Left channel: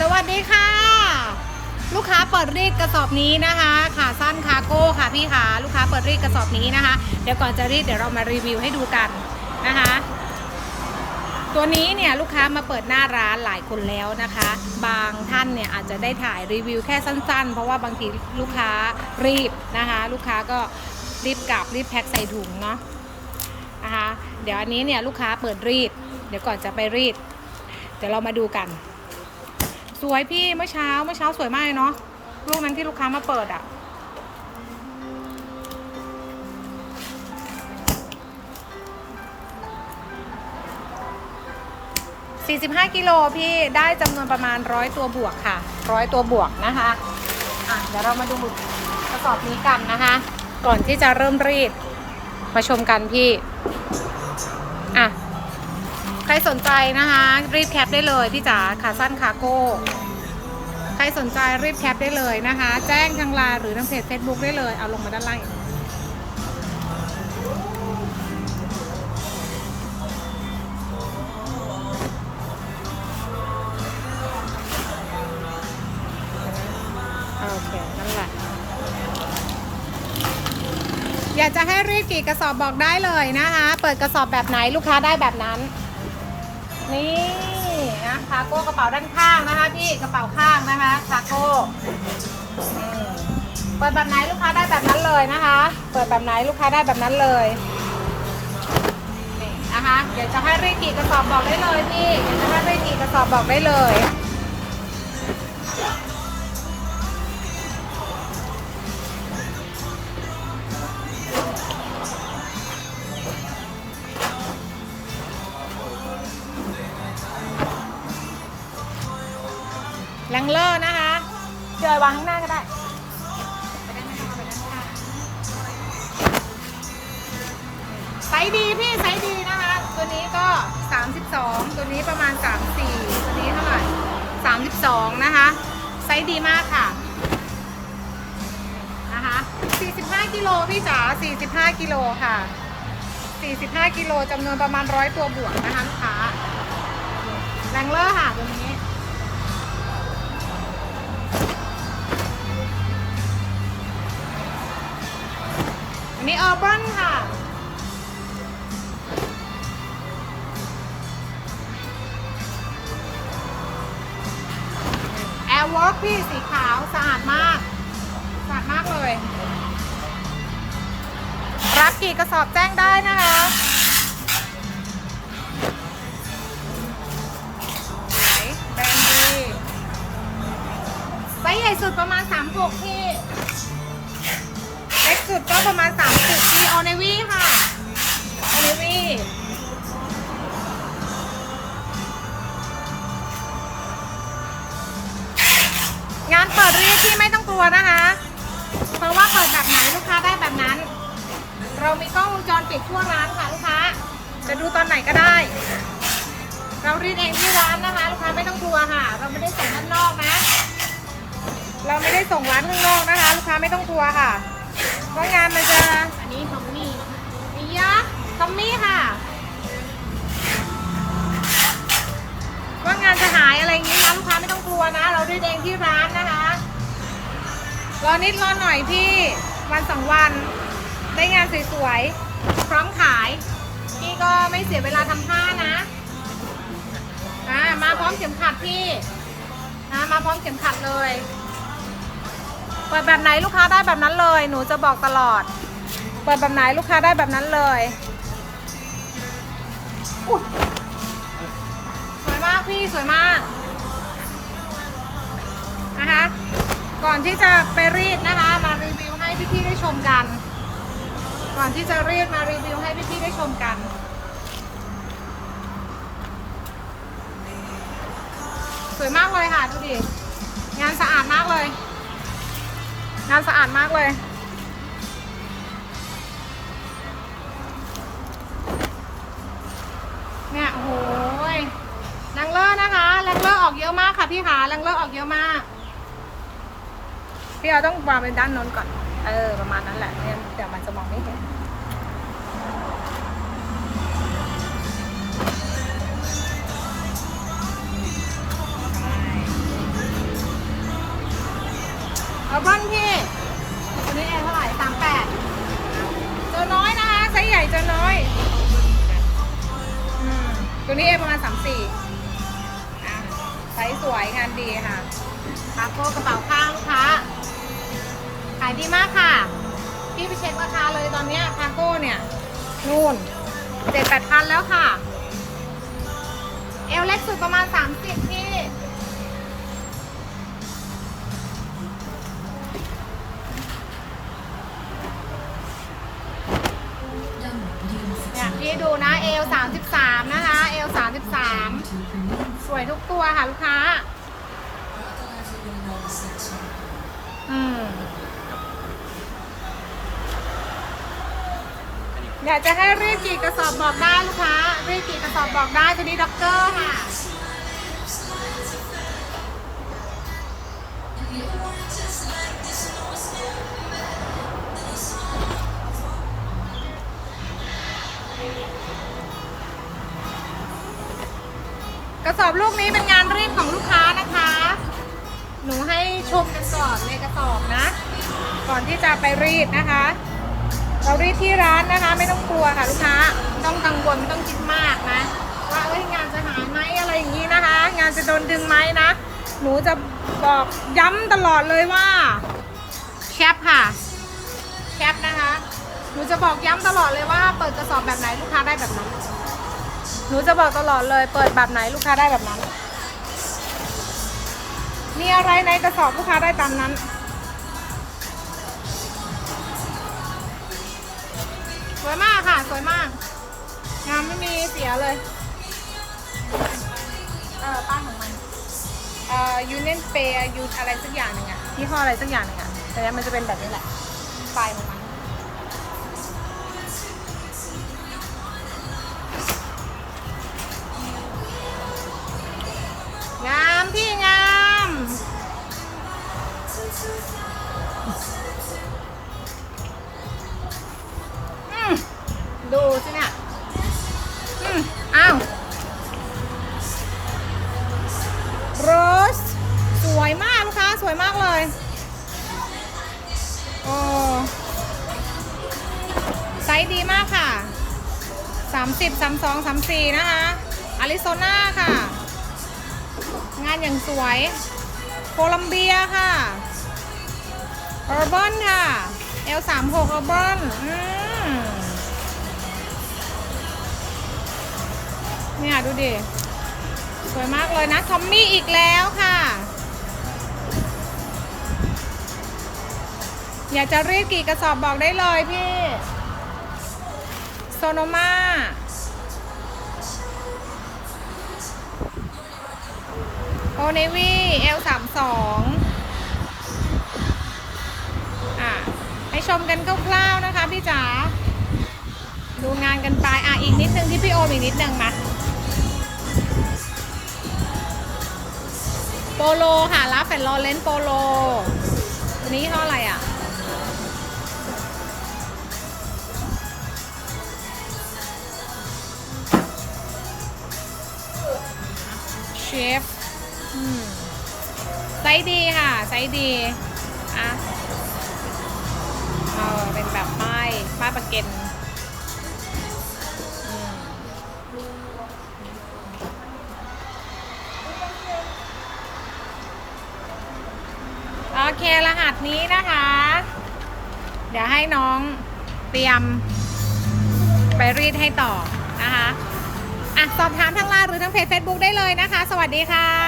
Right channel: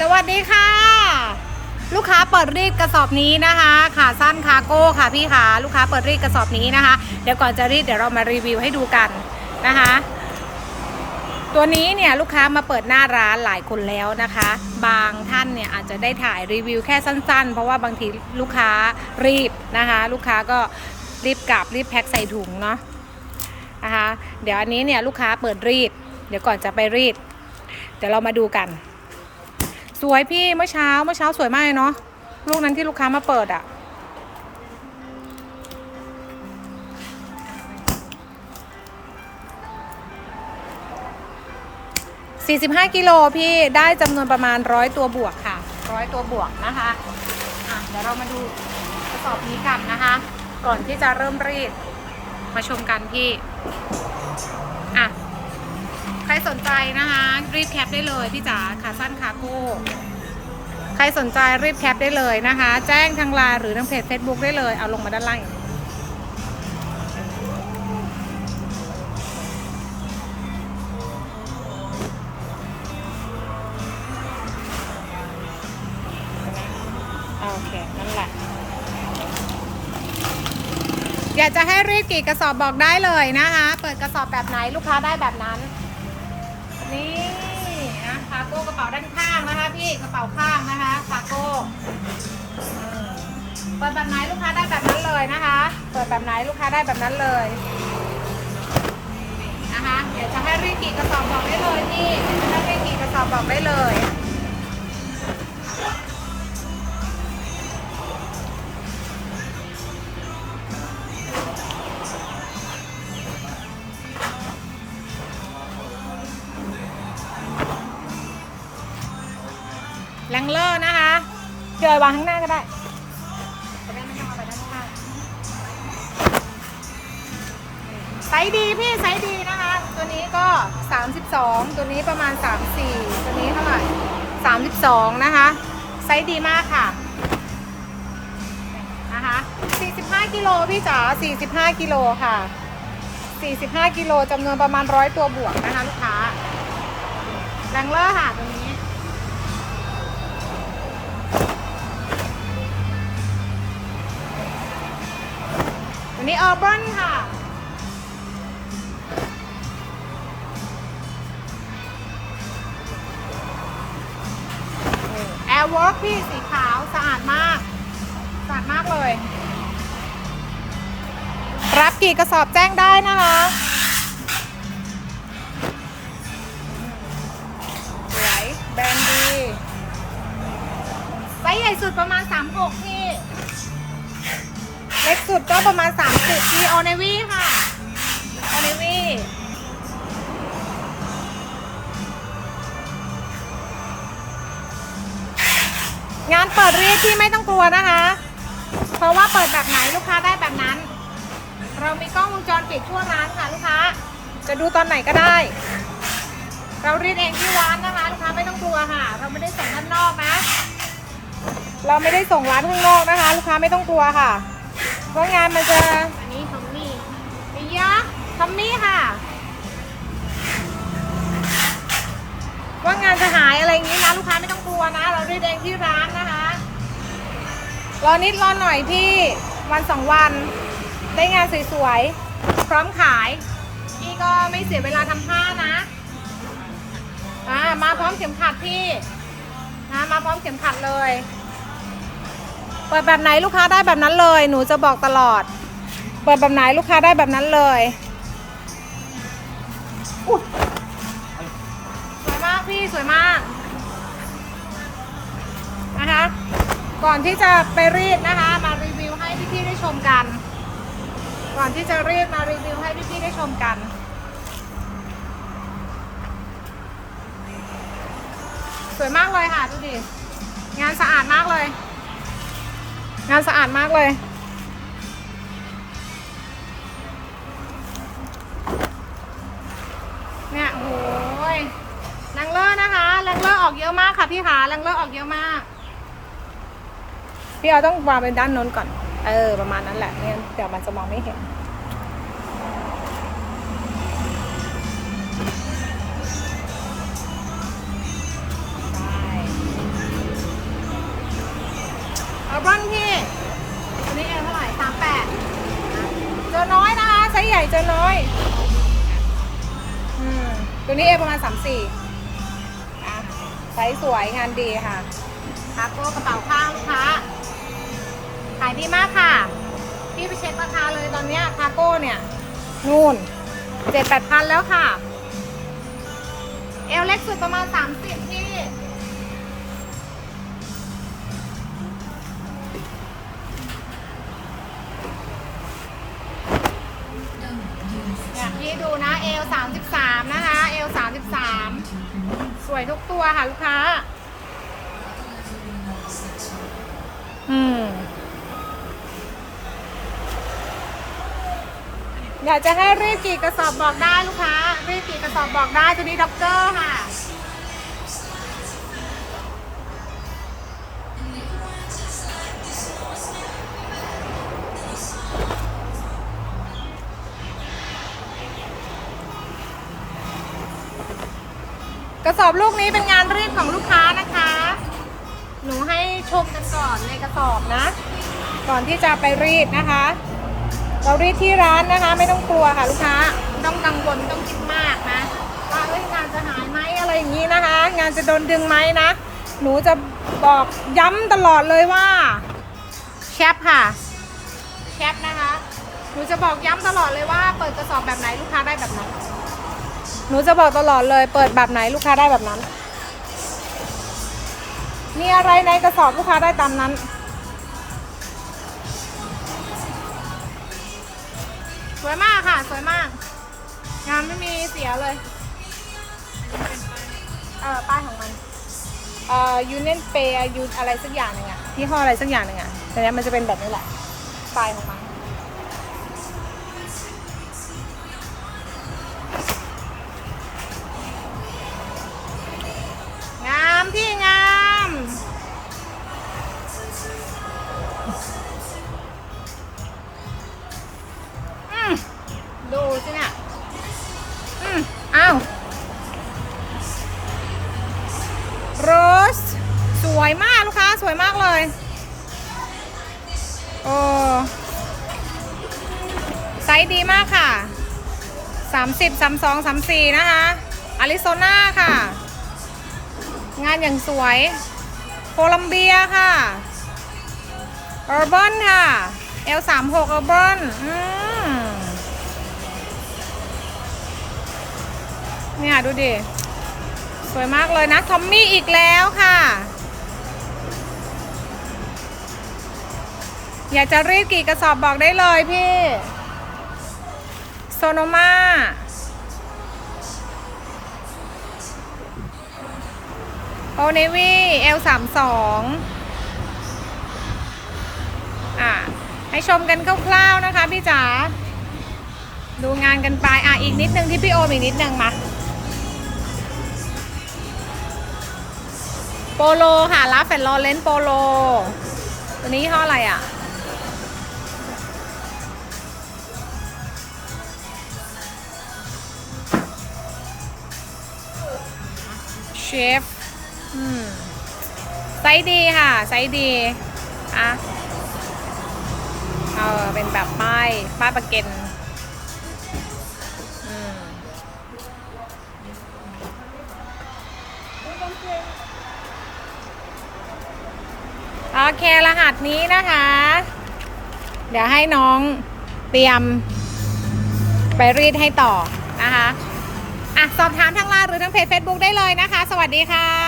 สวัสดีค่ะ ลูกค้าเปิดรีดกระสอบนี้นะคะขาสั้นคาร์โก้ค่ะพี่ค่ะลูกค้าเปิดรีดกระสอบนี้นะคะ เดี๋ยวก่อนจะรีดเดี๋ยวเรามารีวิวให้ดูกันนะคะ ตัวนี้เนี่ยลูกค้ามาเปิดหน้าร้านหลายคนแล้วนะคะ บางท่านเนี่ยอาจจะได้ถ่ายรีวิวแค่สั้น ๆ เพราะว่าบางทีลูกค้ารีบนะคะ ลูกค้าก็รีบกลับรีบแพ็คใส่ถุงเนาะนะคะ เดี๋ยวอันนี้เนี่ยลูกค้าเปิดรีด เดี๋ยวก่อนจะไปรีด เดี๋ยวเรามาดูกัน สวยพี่เมื่อเช้าเมื่อเช้าสวยมากเลยเนาะลูกนั้นที่ลูกค้ามาเปิดอะ่ะ45กิโลพี่ได้จำนวนประมาณร้อยตัวบวกค่ะร้อยตัวบวกนะคะอะเดี๋ยวเรามาดูกระสอบนี้กันนะคะ ก่อนที่จะเริ่มรีด มาชมกันพี่ อะ ใครสนใจนะคะ รีบแคปได้เลยพี่จ๋าขาสั้นคาโก้ ใครสนใจรีบแคปได้เลยนะคะ แจ้งทางไลน์หรือทางเพจ Facebook ได้เลยเอาลงมาด้านล่างอย่างนี้เดี๋ยนะโอเค นั่นแหละ อยากจะให้รีดกี่กระสอบบอกได้เลยนะคะ เปิดกระสอบแบบไหนลูกค้าได้แบบนั้น นี่นะคาโก้กระเป๋าด้านข้างนะคะพี่กระเป๋าข้างนะคะคาโก้เปิดแบบไหนลูกค้าได้แบบนั้นเลยนะคะ เปิดแบบไหนลูกค้าได้แบบนั้นเลยนะคะเดี๋ยวจะให้รีกี่กระสอบบอกได้เลยพี่เดี๋ยวจะให้รีกี่กระสอบบอกได้เลย งเลอร์นะคะเจอวางข้างหน้าก็ได้ไปด้ไม่ต้องเอาไปด้านข้างไซส์ดีพี่ไซส์ดีนะคะ ตัวนี้ก็ 32 ตัวนี้ประมาณ 34 ตัวนี้เท่าไหร่32 นะคะ ไซส์ดีมากค่ะนะคะ45กิโลพี่จ๋า45กิโลค่ะ 45กิโลจำนวนประมาณร้อยตัวบวกนะคะลูกค้าแรงเลอร์ค่ะตัวนี้ นนี้ออร์บันค่ะแอร์วอล์กพี่สีขาวสะอาดมาก สะอาดมากเลย รับกี่กระสอบแจ้งได้นะคะสวยแบรนด์ดีไซส์ใหญ่สุดประมาณ 36 พี่ เล็กสุดก็ประมาณ 30ที่ออเนวี่ค่ะออเนวี่งานเปิดเรียกที่ไม่ต้องกลัวนะคะ เพราะว่าเปิดแบบไหนลูกค้าได้แบบนั้น เรามีกล้องวงจรปิดทั่วร้านค่ะลูกค้า จะดูตอนไหนก็ได้ เรารีดเองที่ร้านนะคะ ลูกค้าไม่ต้องกลัวค่ะ เราไม่ได้ส่งด้านนอกนะ เราไม่ได้ส่งร้านข้างนอกนะคะ ลูกค้าไม่ต้องกลัวค่ะ ว่างานมันจะอันนี้ทอมมี่นะคะอียะทอมมี่ค่ะ ว่างานจะหายอะไรอย่างนี้นะลูกค้าไม่ต้องกลัวนะ เราได้แดงที่ร้านนะคะ รอนิดรอหน่อยพี่วันสองวัน ได้งานสวยๆพร้อมขาย พี่ก็ไม่เสียเวลาทำผ้านะอ่ามาพร้อมเข็มขัดพี่นะมาพร้อมเข็มขัดเลย เปิดแบบไหนลูกค้าได้แบบนั้นเลย หนูจะบอกตลอด เปิดแบบไหนลูกค้าได้แบบนั้นเลยอุ๊ยสวยมากพี่สวยมากนะคะก่อนที่จะไปรีดนะคะ มารีวิวให้พี่ๆได้ชมกัน ก่อนที่จะรีดมารีวิวให้พี่ๆได้ชมกันสวยมากเลยค่ะดูดิงานสะอาดมากเลย งานสะอาดมากเลย เนี่ยโอ้โหยแรงเลอร์นะคะแรงเลอร์ออกเยอะมากค่ะพี่ขาแรงเลอร์ออกเยอะมาก พี่เราต้องวางเป็นด้านนู้นก่อน เออ ประมาณนั้นแหละไม่งั้นเดี๋ยวมันจะมองไม่เห็นเอาบอนพี่ตัวนี้เอเท่าไหร่สามแปดเจอ น้อยนะคะไซส์ใหญ่เจอน้อยอืมตัวนี้เอประมาณสามสี่ไซส์สวยงานดีค่ะคาโก้กระเป๋าข้างลูกค้า ขายดีมากค่ะ พี่ไปเช็คราคาเลยตอนเนี้ยคาโก้เนี่ยนู่นเจ็ดแปดพันแล้วค่ะ เอลเล็กสุดประมาณสามสิบพี่ี้ดูนะเอลสามสิบสามนะคะเอลสามสิบสามสวยทุกตัวค่ะลูกค้า อืมอยากจะให้รีบกี่กระสอบบอกได้ลูกค้า รีบกี่กระสอบบอกได้ตัวนี้ด็อกเกอร์ค่ะ สอบลูกนี้เป็นงานรีดของลูกค้านะคะ หนูให้ชมกันก่อนในกระสอบนะ ก่อนที่จะไปรีดนะคะ เรารีดที่ร้านนะคะ ไม่ต้องกลัวค่ะลูกค้าไม่ต้องกังวลไม่ต้องคิดมากนะ ว่าเอ้ยงานจะหายไหมอะไรอย่างนี้นะคะ งานจะโดนดึงไหมนะ หนูจะบอกย้ำตลอดเลยว่าแชปค่ะแชปนะคะ หนูจะบอกย้ำตลอดเลยว่าเปิดกระสอบแบบไหนลูกค้าได้แบบนั้น หนูจะบอกตลอดเลย เปิดแบบไหนลูกค้าได้แบบนั้น มีอะไรในกระสอบลูกค้าได้ตามนั้น สวยมากค่ะ สวยมาก งานไม่มีเสียเลยเออป้ายของมันเอ่อยูเนนเปย์ยูอะไรสักอย่างหนึ่งอะยี่ห้ออะไรสักอย่างหนึ่งอะแต่เนี้ยมันจะเป็นแบบนี้แหละป้ายของมัน ดูสิเนี่ยอืมอ้าวโรส สวยมากลูกค้า สวยมากเลย โอ้ไซส์ดีมากค่ะ 30 32 34 นะคะอาริโซนาค่ะ งานอย่างสวย โคลัมเบียค่ะ ออ Urban ค่ะ L36 Urban อืมเนี่ยดูดิ สวยมากเลยนะทอมมี่อีกแล้วค่ะ อยากจะรีดกี่กระสอบบอกได้เลยพี่โซโนมาโอเนวี่ L32 ให้ชมกันคร่าวๆนะคะพี่จ๋าดูงานกันไปอะอีกนิดนึงที่พี่โอมอีกนิดนึงมาโปโลค่ะลาแฟนลอเลนโปโลตัวนี้ยี่ห้ออะไรอะเชฟอืมไซส์ดีค่ะ ไซส์ดี อะ เออเป็นแบบป้ายป้ายประเก็นอืมโอเค รหัสนี้นะคะ เดี๋ยวให้น้องเตรียมไปรีดให้ต่อนะคะ อะ สอบถามทางไลน์หรือทางเพจ Facebook ได้เลยนะคะ สวัสดีค่ะ